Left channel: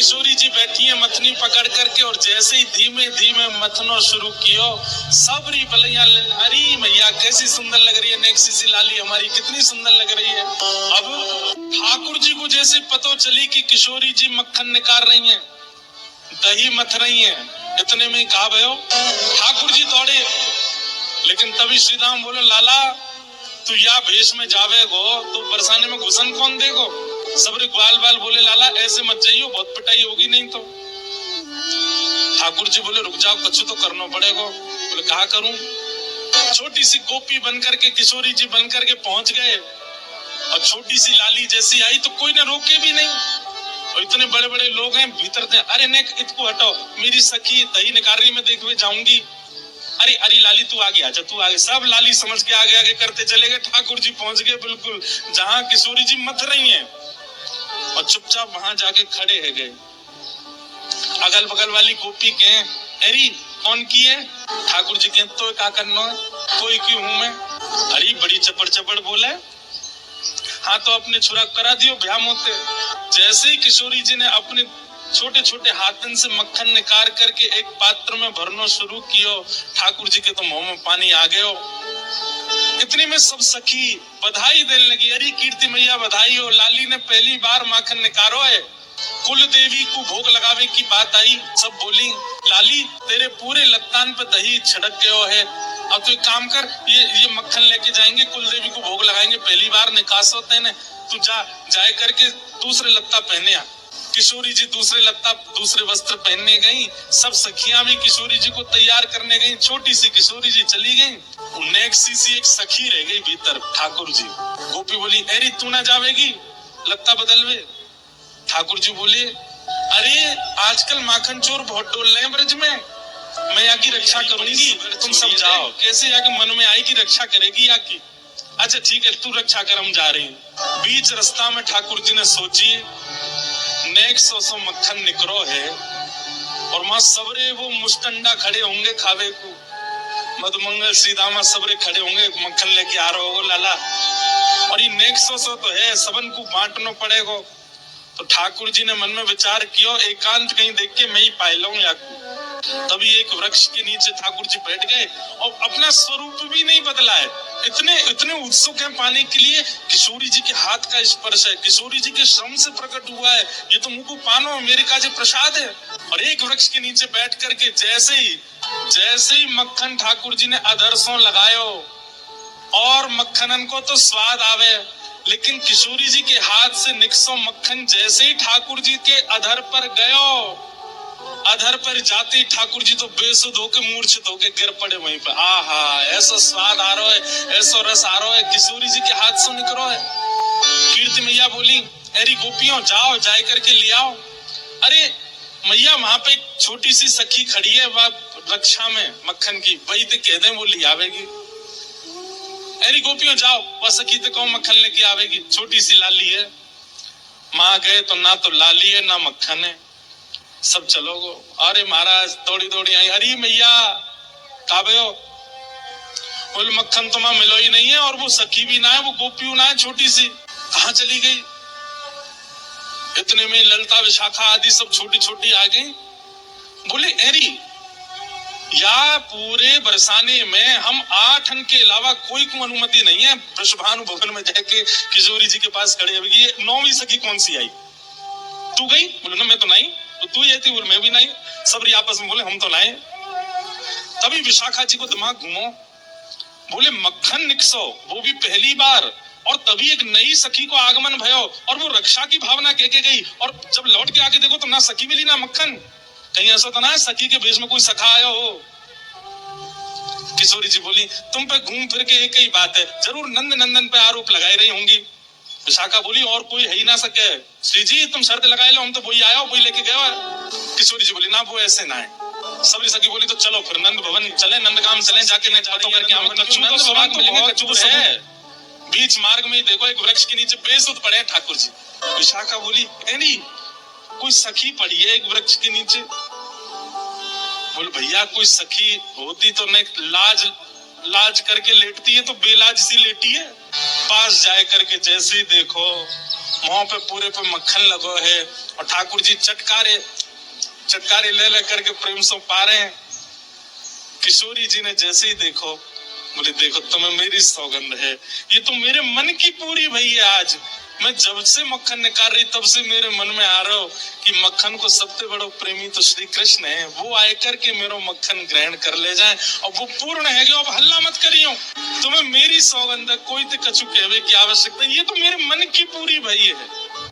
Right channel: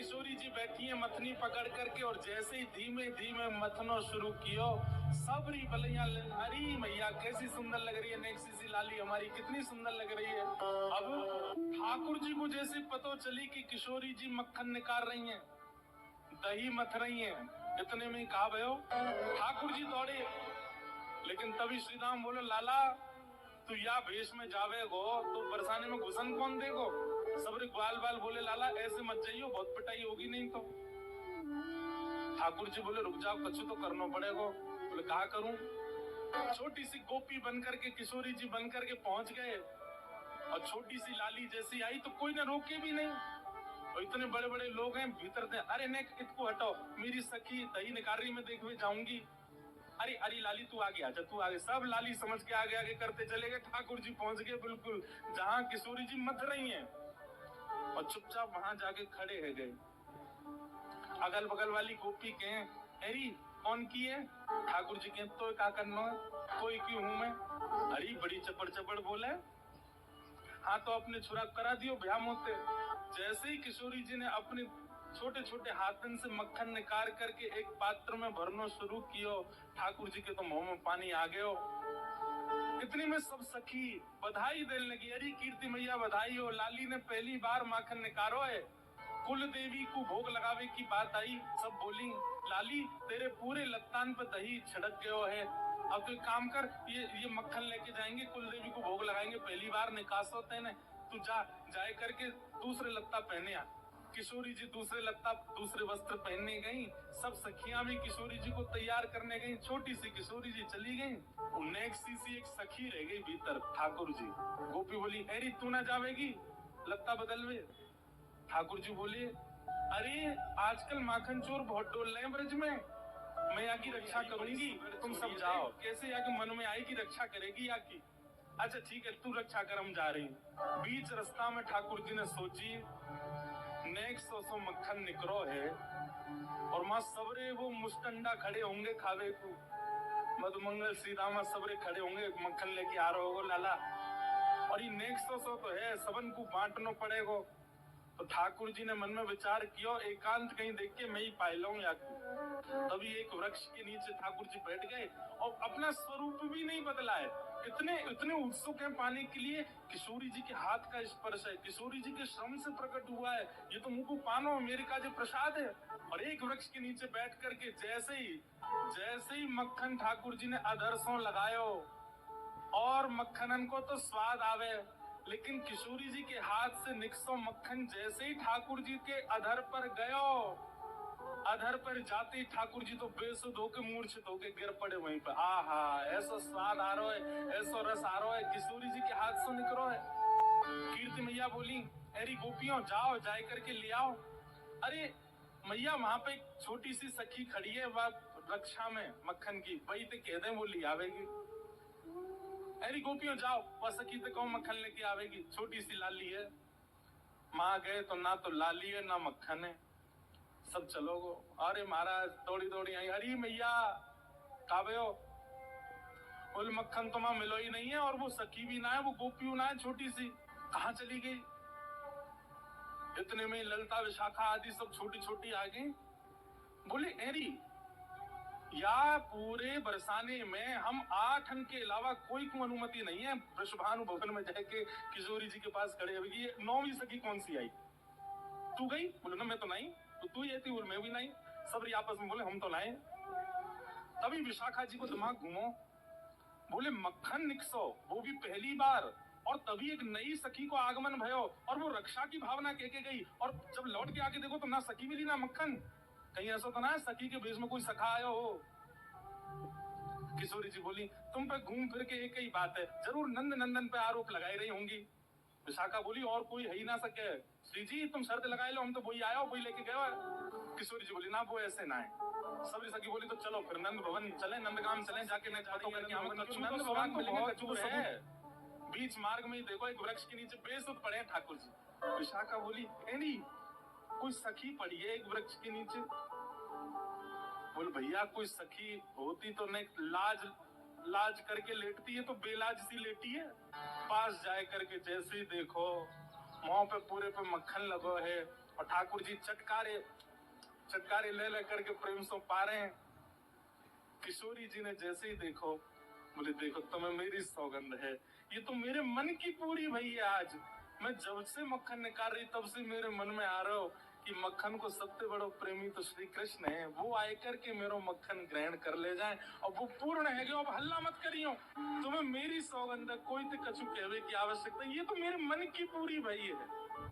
किशोरी जी बैठी है मथनी पकड़ करके, और जैसे ही धीमे धीमे मथनो शुरू कियो, सबरी बलैया, अरे मैया कैसी सुंदर लग रही है नेक्सी सी लाली हमारी, कितनी सुंदर लग रही है। अब ठाकुर जी को जैसे पतो चली कि किशोरी जी मक्खन निकाल रही हैं, दही मथ रही हैं, इतने में कहा भयो ठाकुर जी दौड़े। लेकिन तभी श्री राम बोले, लाला तू या भेष में जावे गो तो बरसाने में घुसन कौन देगो। सबरे ग्वाल बाल बोले, लाला ऐसे मत जाइयो, बहुत पिटाई होगी नहीं तो। ठाकुर जी बोले, रुक जाओ, कुछ तो करना पड़ेगा। बोले, कहा करूं। छोटी सी गोपी बनकर के, किशोरी जी बनकर के पहुंच गए, और छोटी सी लाली जैसी आई तो कोई ने रोके भी नहीं, और इतने बड़े बड़े लोग हैं भीतर थे। अरे नेक इसको हटाओ, मेरी सखी दही निकाली में देखने जाऊंगी। अरे अरे लाली तू आगे आजा, तू आगे। सब लाली समझ के आगे आगे करते चले गए। ठाकुर जी पहुंच गए बिल्कुल जहां किशोरी जी मथ रही हैं, और चुपचाप वहां जाके खड़े है गए। अगल बगल वाली गोपी के, अरे कौन की है। ठाकुर जी के, तो क्या करना है, कोई क्यों हूं मैं। अरे बड़ी चपड़ चपड़ बोले, हाँ तो अपने छुरा करा दियो ब्याह मोते। जैसे ही किशोरी जी ने अपने छोटे छोटे हाथन से मक्खन निकाल करके एक पात्र में भरना शुरू कियो, ठाकुर जी के तो मुंह में पानी आ गयो। इतने में सब सखी बधाई देने लगी, अरे कीर्ति मैया बधाई हो, लाली ने पहली बार माखन निकारो है। कुल देवी को भोग लगावे की बात आई, सब बोली, लाली तेरे पूरे लत्तान पे दही छिड़क गयो है, अब तो एक काम कर, ये मक्खन लेके जाएंगे, कुल देवी को भोग लगाएंगे, पहली बार निकास होते हैं, तू जाए करके दूसरे लत्ता पहने आ। किशोरी जी दूसरे लत्ता, दूसरे वस्त्र पहनने गई। सब सखियां भी किशोरी जी को तैयार करने गई। छोटी सी किशोरी जी चली गई, नेक्सी सी एक सखी रह गई भीतर। ठाकुर जी, गोपी बोली, अरे तू ना जावेगी लत्ता बदलवे। ठाकुर जी बोले, अरे आजकल माखन चोर बहुत डोल रहे हैं ब्रज में, मैं यहाँ की रक्षा करूंगी, तुम सब जाओ। कैसे यहाँ के मन में आई कि रक्षा करेगी यहाँ की। अच्छा ठीक है, तू रक्षा कर, हम जा रही हूँ। बीच रास्ता में ठाकुर जी ने सोची, नेक सो मक्खन निकरो है, और मां सबरे वो मुस्टंडा खड़े होंगे खावे को, मधुमंगल सीधामा सबरे खड़े होंगे, मक्खन लेके आ रहे हो लाला, और ये नेक सो तो है, सबन को बांटना पड़ेगा। तो ठाकुर जी ने मन में विचार किया, एकांत कहीं देख के मैं ही पाई लूं या। तभी एक वृक्ष के नीचे ठाकुर जी बैठ गए, और अपना स्वरूप भी नहीं बदला है, इतने उत्सुक हैं पाने के लिए। किशोरी जी के हाथ का स्पर्श है, किशोरी जी के श्रम से प्रकट हुआ है, ये तो मुझको पानो मेरे का जो प्रसाद है। और एक वृक्ष के नीचे बैठ करके जैसे ही मक्खन ठाकुर जी ने अधरसों लगायो, और मक्खनन को तो स्वाद आवे, लेकिन किशोरी जी के हाथ से निकसो मक्खन जैसे ही ठाकुर जी के अधर पर गयो, अधर पर जाते ठाकुर जी तो बेसुध होके मूर्छित होके गिर पड़े वहीं पर। आहा, ऐसा स्वाद आ रहा है, ऐसा रस आ रहा है, किशोरी जी के हाथ से निकलो है। कीर्ति मैया बोली, अरे गोपियों जाओ, जाए करके ले आओ। अरे मैया वहां पे एक छोटी सी सखी खड़ी है, वह रक्षा में मक्खन की, वही तो कह दे वो ले आवेगी। अरे गोपियों जाओ, वह सखी तो कौन मक्खन लेके आवेगी, छोटी सी लाली है। माँ गए तो ना तो लाली है ना मक्खन है, सब चलोगो। अरे महाराज दौड़ी दौड़ी आई, अरे मैया काबे हो। बोले मक्खन तो मां मिलो ही नहीं है, और वो सखी भी ना है, वो गोपी ना है, छोटी सी, कहाँ चली गई। इतने में ललता विशाखा आदि सब छोटी छोटी आ गई। बोले अरे या पूरे बरसाने में हम 8 के अलावा कोई को अनुमति नहीं है वृषभानु भवन में जाके किशोरी जी के पास खड़े होगी। 9वीं सखी कौन सी आई, तू गई। बोले ना मैं तो नहीं, तो तू ही थी। बोले मैं भी नहीं। सब आपस में बोले हम तो नहीं। तभी विशाखा जी को दिमाग घूमो, बोले मक्खन निकसो, वो भी पहली बार, और तभी एक नई सखी को आगमन भयो, और वो रक्षा की भावना कह के गई, और जब लौट के आके देखो तो ना सखी मिली ना मक्खन। कहीं ऐसा तो ना सखी के भेष में कोई सखा आया हो। किशोरी जी बोली, तुम पे घूम फिर के एक ही बात है, जरूर नंद नंदन पे आरोप लगाई रही होंगी। विशाखा बोली, और कोई है ही ना सके। श्री जी तुम शर्त लगाए लो, हम तो वही आया, वही लेके गया। किशोरी जी बोली, ना वो ऐसे ना है। सबरी सखी बोली, तो चलो फिर नंद भवन चले, नंदगाम चले, जाके मैं चाहता हूँ कच्चू है। बीच मार्ग में देखो एक वृक्ष के नीचे बेसुध पड़े ठाकुर जी। विशाखा बोली, एनी कोई सखी पड़ी है एक वृक्ष के नीचे। बोले भैया कोई सखी होती तो नहीं, लाज करके लेटती है, तो बेलाज सी लेटी है। पास जाए करके जैसे ही देखो मुंह पे पूरे पे मक्खन लगो है और ठाकुर जी चटकारे ले ले करके प्रेम से पा रहे हैं। किशोरी जी ने जैसे ही देखो, बोले देखो तुम्हें मेरी सौगंध है, ये तो मेरे मन की पूरी भई है। आज मैं जब से मक्खन निकाल रही तब से मेरे मन में आ रहा हो कि मक्खन को सबसे बड़ो प्रेमी तो श्री कृष्ण है, वो आए करके मेरो मक्खन ग्रहण कर ले जाए और वो पूर्ण है। अब हल्ला मत करियो, तुम्हें मेरी सौगंध है, कोई तो कछु कहवे की आवश्यकता, ये तो मेरे मन की पूरी भई है।